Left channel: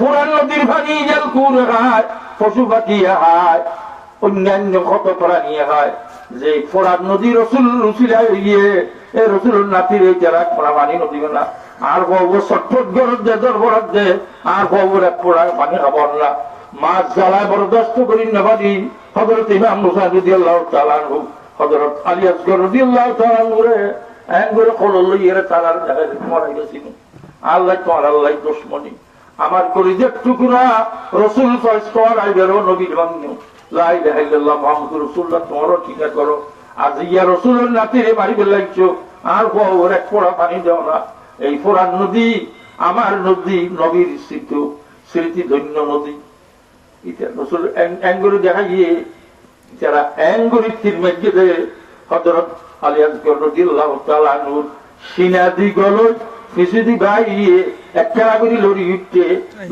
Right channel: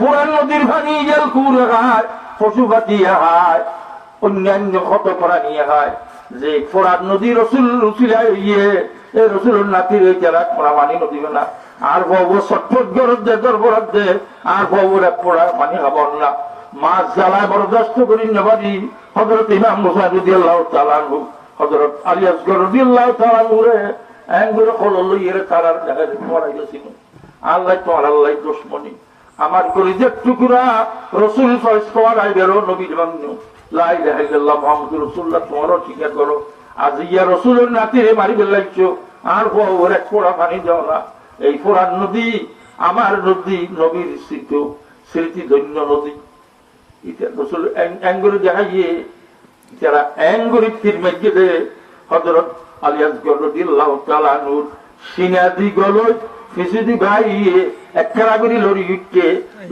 পুরান নদীর পানি জল কুড়ে খায়, পশু পাখি খায়, অন্যান্য কত প্রাণী খায়। যে ফোরান নদী রসুল রসিলা ইয়ে এই রসুলের নাতির যারা পানি নদী না আর বউ ছটফট গরজ দে দরবরাত দে আর বউর এক পোড়া পানি খাবার না। মাছ জ্বালায় বরদাস্ত করি নেবারি। হযরত ইমাম মুসা রাদিয়াল্লাহু তাআলা আনহু, হযরত আলী আসগর রাদিয়াল্লাহু তাআলা আনহুরে এঙ্গুরে খোলল ইয়ের তারার জায়গায় মরাই গেছিল। আল্লাহ তোমার আল্লাহ দুশমনী আমার কলিজার টুকরা রসুল ফরমান আইবেরো নবীর বান্ধব লা ইলাহা ইল্লাল্লাহ মুহাম্মাদুর রাসূলুল্লাহ তোমারও ঠিকা করো। আজ ইয়া রসুলের নাতিরে মারি ফেলাইছো আর বউর এক পোড়া পানি দাও না। এই ফোরান নদী আমার নদী, নবীর স্মৃতি ধন্য নদী। এটা রসুল এঙ্গুরি দেখা গিয়ে যারা এঙ্গুরি তীর মসজিদে হযরত আলী আসগর রাদিয়াল্লাহু তাআলা আনহুর সিনাদি গলজ ফিসিদি গাইয়ে এক খেলাগুলি লড়ি উঠছে।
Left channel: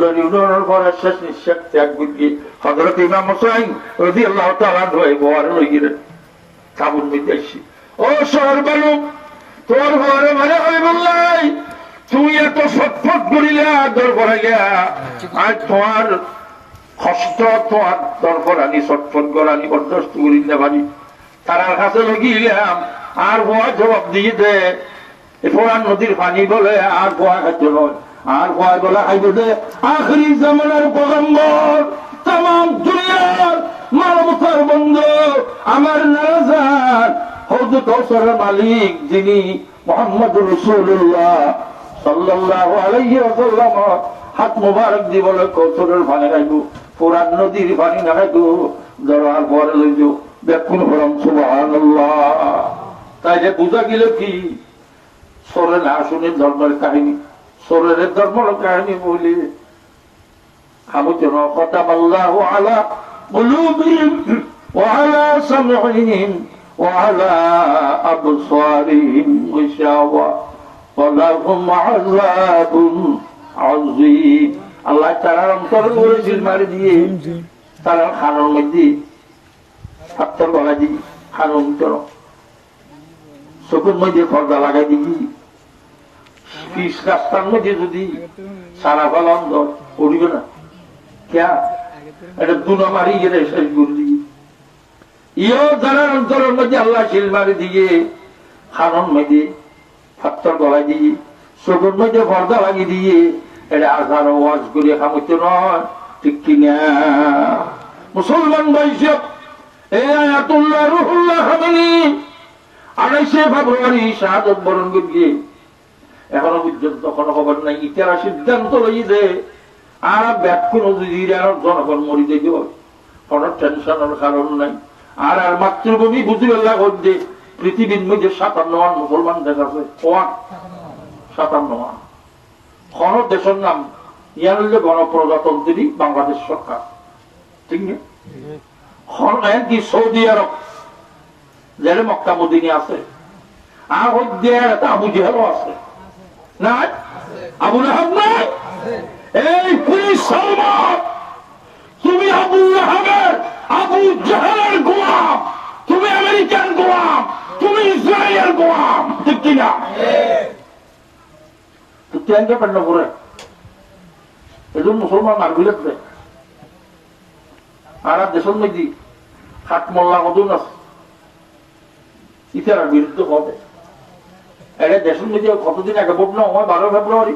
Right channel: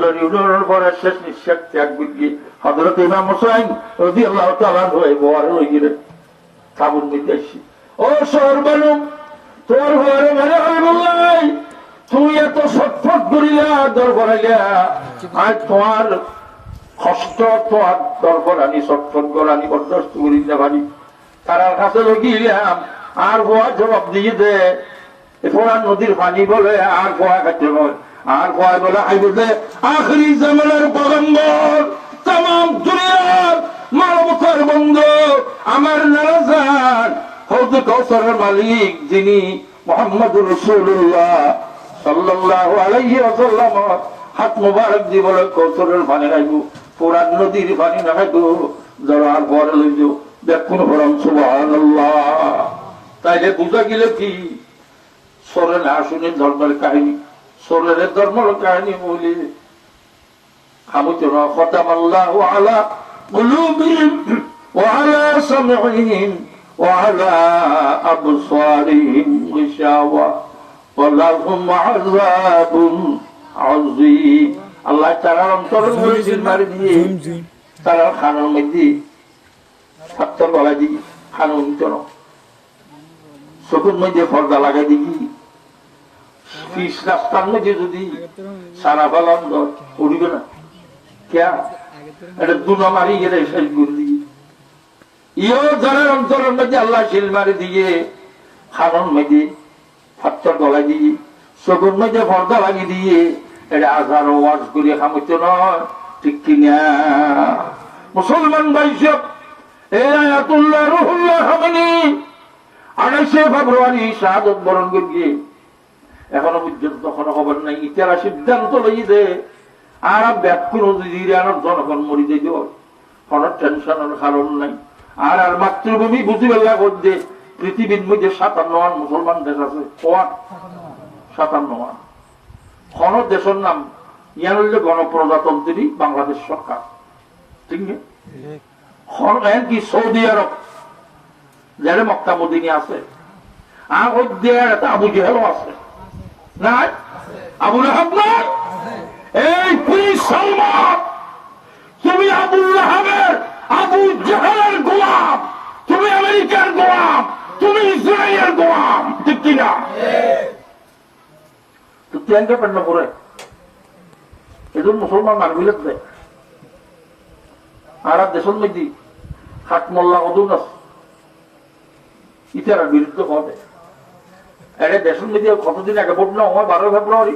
লড়ি উঠানোর পরে শেষ নিঃশ্বাস ত্যাগ বুঝিয়ে হযরত ইমাম হুসাইন রাদিয়াল্লাহু তাআলা আনহু বহারে লই গেলেন কাবুল বিদেশি। ও শহর বলু তোর ঘরে মানে হাবিবুল্লাহ তুই এত ছটফট করিলা দরবারে আজ তোমার কষ্ট তোমার দরবারানি ছটফট করানি বরদাস্ত করি না ভাবি তারার কাছে লগিলাম আর গোয়া জবাব দিয়ে দে ফোরান নদীর পানি বলে আর গোয়া খাইতে নয় আর গোয়া বলে খাইতে দে আখরি জামানার পয়গম্বর তামাম দুনিয়ার মানবতার বন্ধু আমার নারাজান হযরত কাউসারের মালিক যিনি মুহাম্মদুর রাসূলুল্লাহ সাল্লাল্লাহু আলাইহি ওয়াসাল্লাম হাত মুবারক দিয়ে বলে কাউসারের পানি রাখবো, ফোরান নদীর পানি না খাইবো, দরবার পরে লইব দেখুন হরম সুবহানাল্লাহ। তাইলে বুঝা গেলে কি সরে না শুনে ধর্মের কাহিনী, সরের ধর্মের কাহিনী বলি আমুচনা খতামাল্লাহু আলা কুলুবিহিম ওয়া আলা সামঈহিম ওয়া আলা আবসারিহিম গিশাওয়া ওয়া লাহুম আযাবুন আযীম। আল্লাহ তাআলা অন্তর বলেছেন মারি দিয়ে তারা খানোর মধ্যে পাথর গলা দিবি, খানো অন্তর চোখের মধ্যে পর্দা লাগাই দিবি, পিস রাস্তার মধ্যে যদি সারা পালাম পড়িবে না কেয়া এটা দুনা মারি গেলে শেষ করলি। ইও যারা অন্তরের মধ্যে আল্লাহ শিল মারি দিয়ে খানোর মধ্যে পাথর গলা দিয়ে চোখের মধ্যে পর্দা লাগিয়ে দিয়ে এটা আধার ওয়াজ করিয়ে খামতে নয়, ঠিক কিনা মুসলমান ভাইসব এই আয়াতুল্লাহ রুহুল্লাহ হামানি 28 ফেব্রুয়ারি শাহাদত বরণ করিয়ে এখনো পর্যন্ত কোনো খবর নাই। ইতারা সিদ্ধান্ত লই দে আর ব্যাকুল আর জনগণ মরি দেব, কোনো টেনশনের কারণ নাই। আর আর মাতৃভূমি বুঝি বেলা করছে পৃথিবীর মধ্যে 57 মুসলমান দেশ আছে, 57 কোন দেশের নাম ইয়ার হইলে গণপ্রজাতন্ত্রী বাংলাদেশ সরকার, ঠিক না? কি সৌদি আরব যারা মক্কা মদিনী আছে আর আবু জেহেলও আছে নাই, আবু লাহাব নাই। এই সালমান তুমি আবু লাহাবের আবু জেহেলের গোলাম, তুমি আমেরিকার গোলাম, তুমি ইসরায়েলের গোলাম, ঠিক কিনা? তুই পেন্ন করে এজন মুসলমান মারবিলে দেয় আর দেশের মধ্যে হাট মোল্লা কদুন আছে ইতার বিরুদ্ধে হবে। এটা দেশের মধ্যে কতদিন আগে ভোট না হয় 12 ফেব্রুয়ারি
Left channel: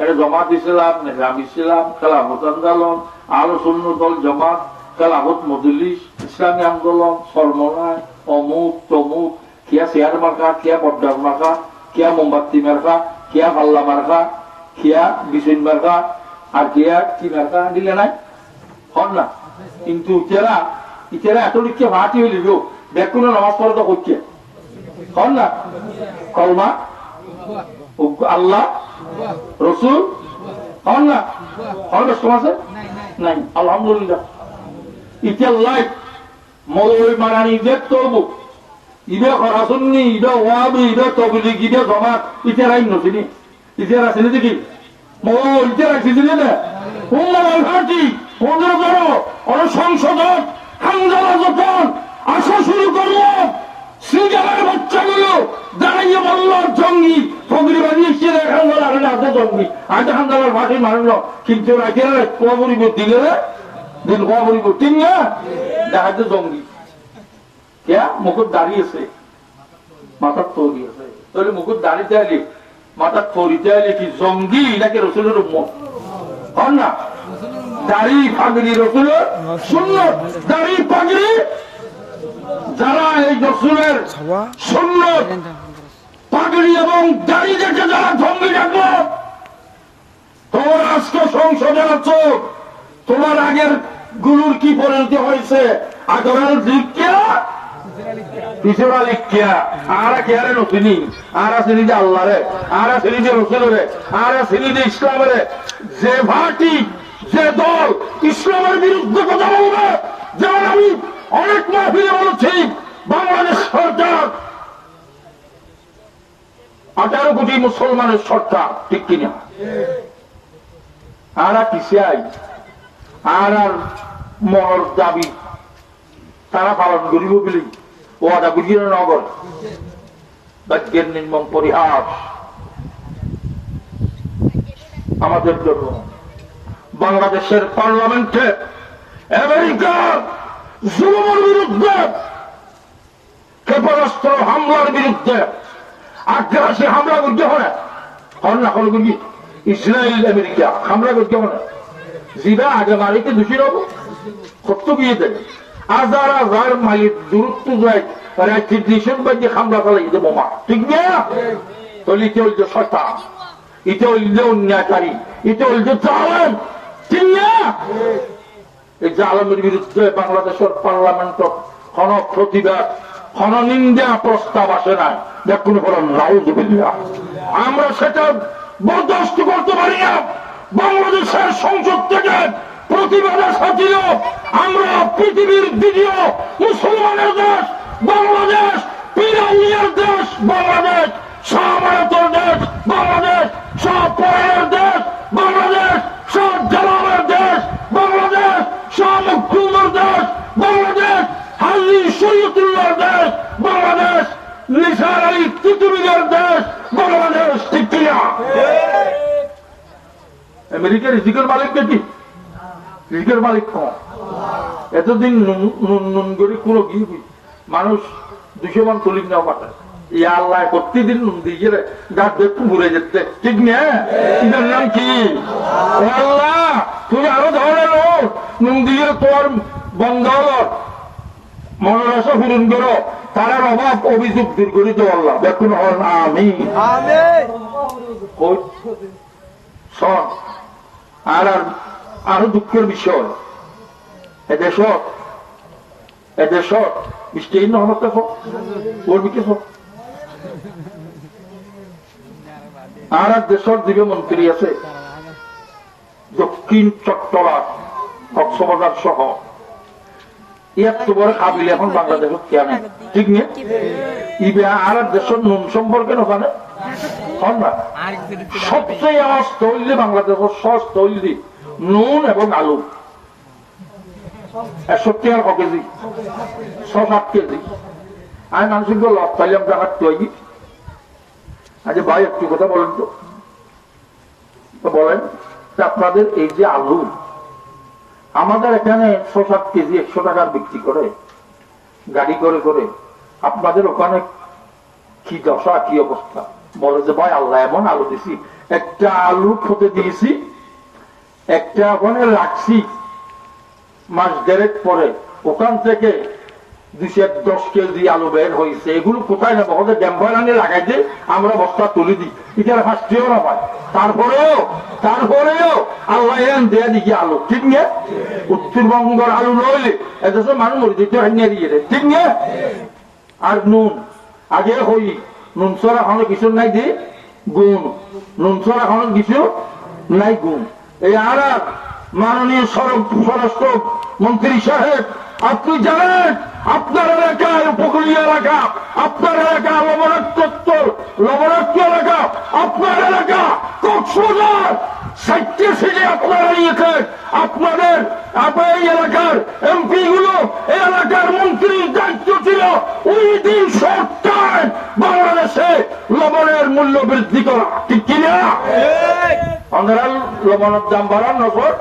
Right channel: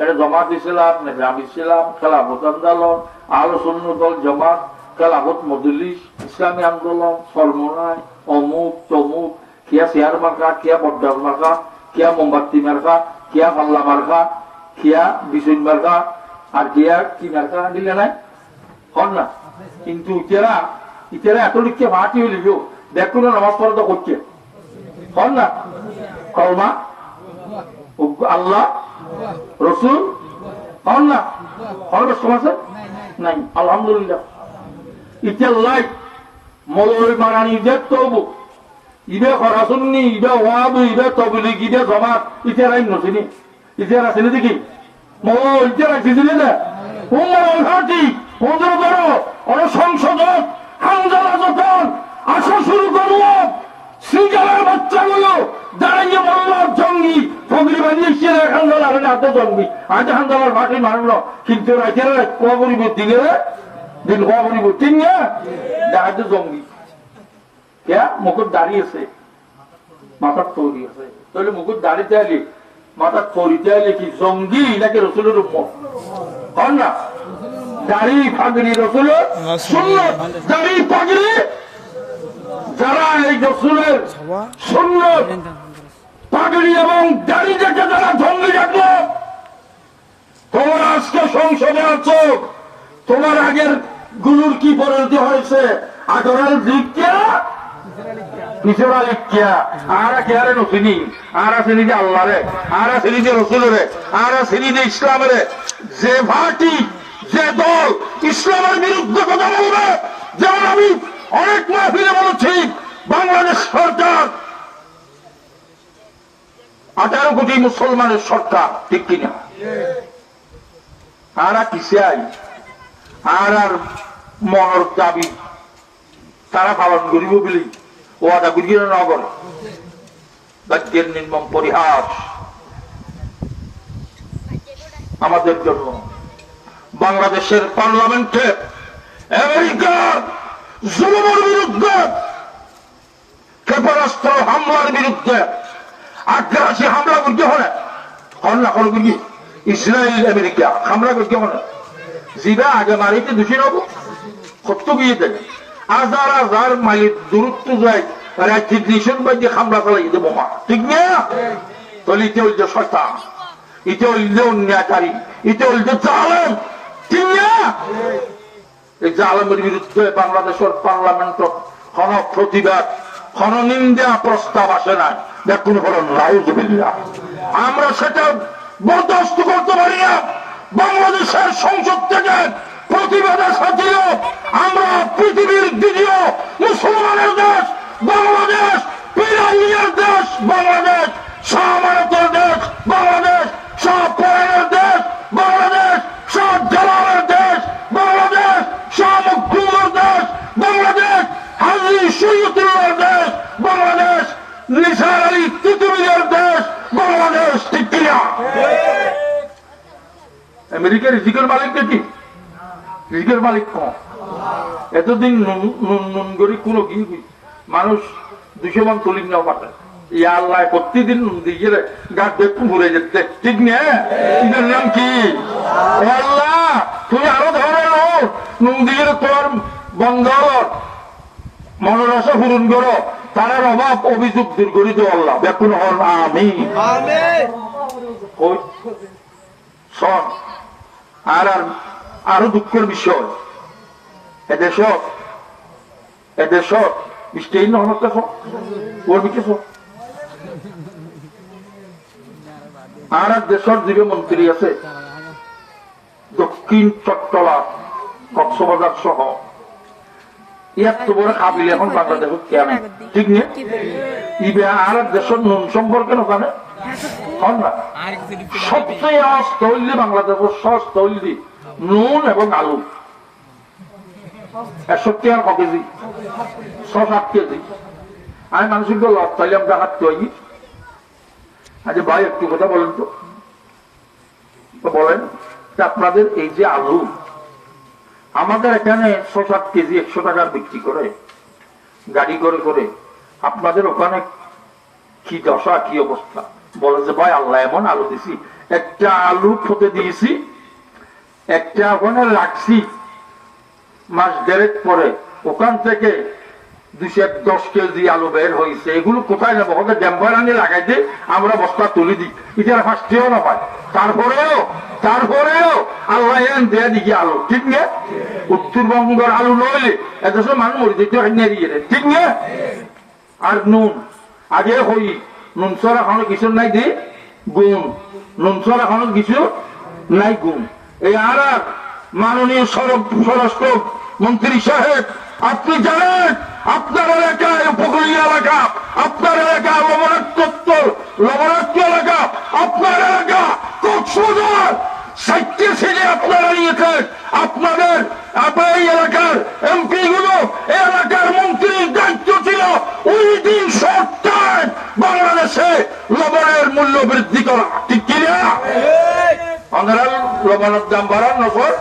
এটা জমাত ইসলাম, নিজাম ইসলাম, খেলাফত আন্দোলন, আহলে সুন্নাত দল জামাত, খেলাফত মজলিস, ইসলামী আন্দোলন, সলমনায় অমুক তমুক, কিয়া চেয়ার মার্কা, কিয়া বড্ডার মার্কা, কিয়া মোমবাতি মার্কা, কিয়া পাল্লা মার্কা, কিয়া বিচুন মার্কা আর কিয়া কি মার্কা দিলে নাই হন না। কিন্তু ইতারা এত লিখছে ভাটি হইল দেখুন নামাজ পড়া তো করছে হন না, কলমা আল্লাহ রসুল হন না, হন আছে নাই আলহামদুলিল্লাহ। ইতার লাইফ মৌলবী মারানি দেখতে হবো ইবে খরাসুন্নি, ইবে ওয়াবি, ইবে তবলিগ, ইবে জমাত, ইতারাই নছিনি, ইতারা আছে দেখি ইতারা ছিল না সংসদক হামজালা যখন আসা শুরু করলো শ্রীজালের বাচ্চাগুলো দাঁড়িয়ে বলল জঙ্গি ফগরি বাড়ি এসে খান্দাল আর হাতে জন্মি আগে খান্দালার মাঠে মারল কিন্তু রাখে কবরিব দিলে দিন কবরিব ঠিক না হাতে জঙ্গি কে মুকুট দাঁড়িয়েছে মাথার তৈরি আছে তাহলে মুকুট দাঁড়িতে আগে মাথার তৈরিতে আগে কি জঙ্গি নাকি রসুলের উম্মত হন না দাড়ি পাগড়ি রসুলের সুন্নত দাড়ি পাগড়ি যারা এই রসুলের সুন্নত পাগড়ি এবং দাড়ি দেখে যারা জঙ্গি ডাকলো তোমার আজকে সংসদে আছো তোমার আগের গুলোর কি পরিণতি হয়েছে আগের দিককে পিছরা লিখিয়া আর কেয়ারে নথিনি আর আছে নিজে আল্লাহরে আর আছে নিজে রসুলের আর আছে নিজে ইসলামের যে পার্টি যে দল ইসলামের বিরুদ্ধে কথা বলবে যেমন আমি অনেক মাহফিলে বলেছি বাংলাদেশ সরকার 18 কোটি মুসলমানের সরকার ঠিক কিনা আর কিসাই আর মনের দাবি তারা পালন করিব বলি ওয়াদা গুজির নগর বাক্যের নির্মম পরিহাস আমাদের জন্য বাংলাদেশের পার্লামেন্টে আমেরিকার জুলুমের বিরুদ্ধে ক্ষেপণাস্ত্র হামলার বিরুদ্ধে আগ্রাসী হামলা করতে হয় না হল কি ইসরায়েল আমেরিকা হামলা করতে হয় জিবা আগে মারিতে দোষী নব কত বিয়ে দেবে হাজার হাজার মাইল দূরত্ব যায় তারা কিডনিশন বাজে হামলা চালাই দেবো বোমা ঠিক না তাহলে ইতে হল যে শয়তান ইতে হল যে অন্যায়কারী ইতে হল যে জালেম ঠিক না এই জালেমের বিরুদ্ধে বাংলাদেশের পার্লামেন্ট কোন প্রতিবাদ কোন নিন্দা প্রস্তাব আসে নাই দেখুন বরং রাউজুবিল্লাহ আমরা সেটা বরদাস্ত করতে পারি না বাংলাদেশের সংসদ থেকে প্রতিবাদ সাথীয় আমরা পৃথিবীর দ্বিতীয় মুসলমানের দেশ বাংলাদেশ পিরামিডের দেশ বাংলাদেশ শাহবারতের দেশ বাংলাদেশ শাহ পরানের দেশ বাংলাদেশ শাহ জালালের দেশ বাংলাদেশ শাহ মখদুমের দেশ বাংলাদেশ হাজী শরীয়তুল্লাহর দেশ বাংলাদেশ নিসার আলী তিতুমিরের দেশ বাংলাদেশ ঠিক কিনা আমেরিকার রিজিকের মালিক কি রিজিকের মালিক কম এতদিন নুন করি কোনো কি মানুষ 200 মান চল্লিশ নেওয়া পাঠায় ইয়া আল্লাহ প্রতিদিন নুন দিয়ে গেলে গাছ দেখতে ঘুরে যেতে ঠিক না এটার নাম কি আল্লাহ তুমি আরো ধরো নুন দিয়ে তোর বন্ধ মনের আশা পূরণ করো তার অভাব অভিযোগ দূর করে দেবো আল্লাহ দেখুন আমি শোন আর আরো দুঃখের বিষয় এদেশ বৃষ্টি নহনত ওর বিকে আর এক দেশের যে মন্ত্রী আছে দক্ষিণ চট্টলা কক্সবাজার সহ এত বড় কাবিল এখন বাংলাদেশ কেন ঠিক নেই ইবে আর এক দেশের নুন সম্পর্কে ওখানে না সবচেয়ে অস্ত হইলে বাংলাদেশের সস্ত হইলি নুন এবং আলু 61 টাকা ক কেজি 6-7 কেজি আমি মানুষকে লাভ পাইলাম টাকার তৈরি আচ্ছা ভাই একটু কথা বলেন তো বলেন আপনাদের এই যে আলু আমাদের এখানে 6-7 কেজি 100 টাকার বিক্রি করে গাড়ি করে করে আপনাদের ওখানে কি দশা কি অবস্থা বলে যে ভাই আল্লাহ এমন আলু দিছি একটা আলু খেতে দিয়েছি একটা ওখানে রাখছি মাস 1.5 পরে ওখান থেকে 210 কেজি আলু বের হয়েছে এগুলো কোথায় নেবো ওকে ড্যাম্পার আনিয়ে লাগাই দিয়ে আমরা বস্তা তুলে দিই এটার ফার্স্টেও না পাই তারপরেও আল্লাহ এন দিয়ে দিকে আলু ঠিক না উত্তরবঙ্গের আলু নইলে এদেশের মানুষ মরে যেতে নিয়ে ঠিক না আর নুন আগে হই নুন সর এখনো কিছু নাই দি গুণ নুন সর এখনো কিছু নাই গুণ এই আর মাননীয় স্বরাষ্ট্র মন্ত্রী সাহেব আপনি জানেন আপনার এলাকায় উপকূলীয় এলাকা আপনার এলাকা লবণাক্ত এলাকা আপনার এলাকা কক্সবাজার 60 সিটে আপনারা নিয়েছেন আপনাদের এই এলাকার এমপি গুলো এলাকার মন্ত্রীর দায়িত্ব ছিল ওই দিন সরকার বাংলাদেশে লবণের মূল্য বৃদ্ধি করা, ঠিক কিনা? আমরা লবণের দাম বাড়ান নফর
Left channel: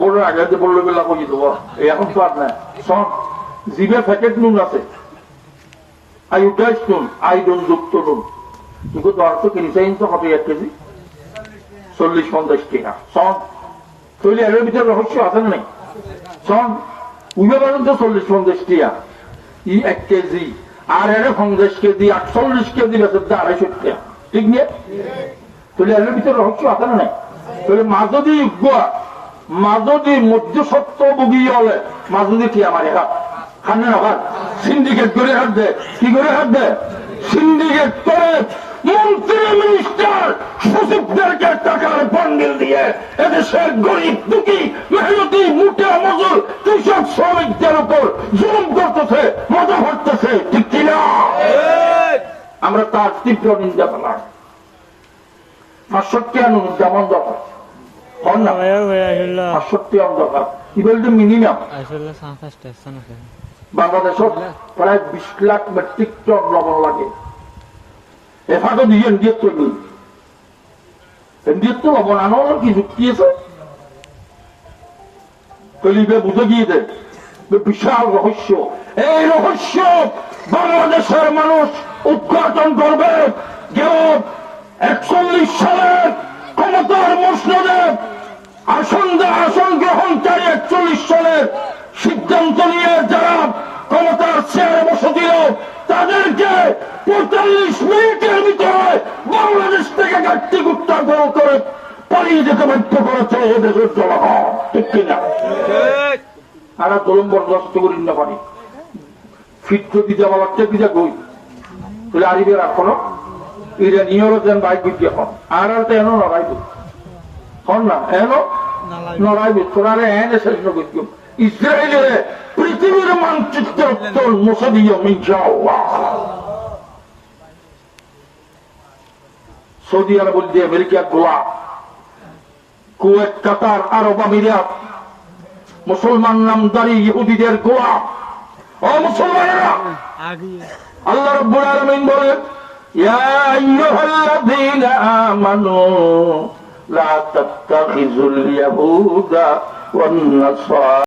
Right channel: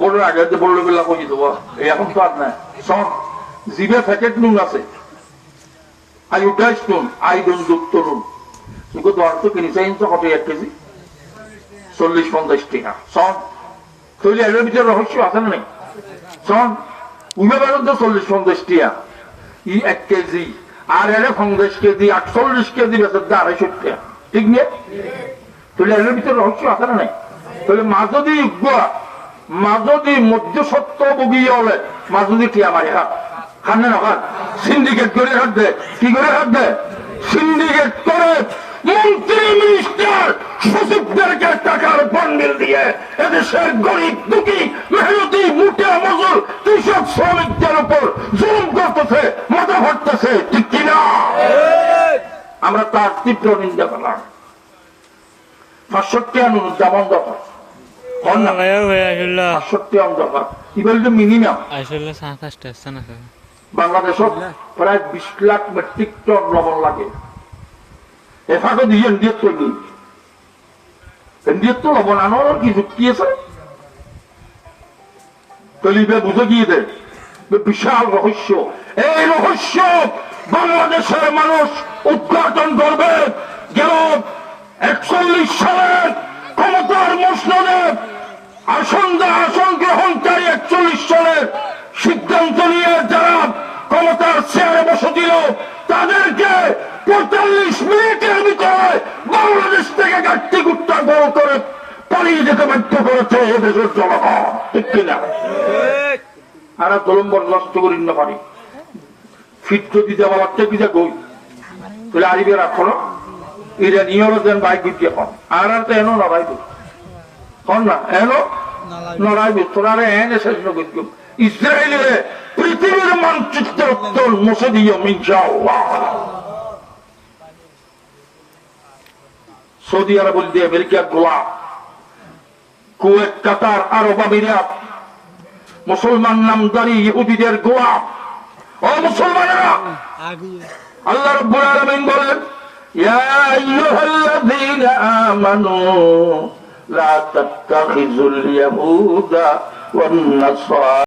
বড় আগে বললো গেলা কই দেবো এখন তো আর নাই সব জিভে প্যাকেট নুন আছে আয়োডাইজ নুন আয়োডন যুক্ত নুন কিন্তু দর তো কিনেছে তো কত 1 কেজি 40-50 টাকা সব তৈরি এর ভিতরে রহস্য আছে না সব উবে বেরোন তো 40-50 টাকা 1 কেজি আর এর 50 কেজি 48 কেজি বেচে 250 টাকা ঠিক নিয়ে তৈরি এর ভিতরে রহস্য আছে না তাহলে মাঝদি মাঝদি মধ্য সত্য বুগি হলে মাঝদি টিয়া মারি হাত খানে না হাত সিন্ডিকেট করে হাত দেয় কি করে হাত দেয় সিন্ডিকেট করে মন্ত্রী মিনিস্টার সচিবদেরকে টাকার বান্ডিল দিয়ে এদেশের গরিব দুঃখী মেহনতি মুটিয়া মজুর কৃষক শ্রমিকদের উপর জুলুম করতেছে মজা ভাটতেছে ঠিক কিনা আমরা তার তীব্র নিন্দা করলাম 65 অনুদান দরকার বাংলাদেশত প্রায় 20 লাখ মেট্রিক টন লবণ লাগে এখানে দিয়ে ইন্ডিয়াত করবি ইন্ডিয়াত তো লবণ আনার কি যুক্তি আছে কলিবে বুঝে গিয়ে দেয় বিশাল রহস্য এই রহস্য বাংলাদেশের মানুষ উদ্ঘাটন করবে গেল 41 সালের ক্ষমতার মসনদে আসন গ্রহণকারী 41 সালের সিদ্ধান্ত নিয়ে যারা ক্ষমতার চেয়ারে বসে দিল তাদেরকে 45 মিনিটের ভিতরে বাংলাদেশ থেকে ঘাটতি গুট্টা বড় করে পালিয়ে যেতে বাধ্য করেছে এদেশের জনগণ ঠিক কিনা আর দলম বরদাস্ত করি না পারি ফিট যদি দেওয়া লাগছে কি যা কই তাহলে আরিবে রাখো না এরা নিয়র দেন বাইক গুটিয়ে কম আর তো এনো লড়াইব হন না এনো লড়াইব তোরা এনে শেষ করছো ইসরায়েলের পৃথিবীর মানচিত্র উত্তর মুছে দিও ইনশাআল্লাহ সৌদি আরব বলতে আমেরিকা গোয়া কুয়েত কাতার আরব আমিরাত মুসলমান নামদারি ইহুদিদের গোয়া ও মুসলমানেরা আল্লাহ রাব্বুল আলামিন বলেন ইয়া আইয়ুহাল্লাযীনা আমানু লা তাত্তাখিযুল ইয়াহুদা ওয়ান নাসারা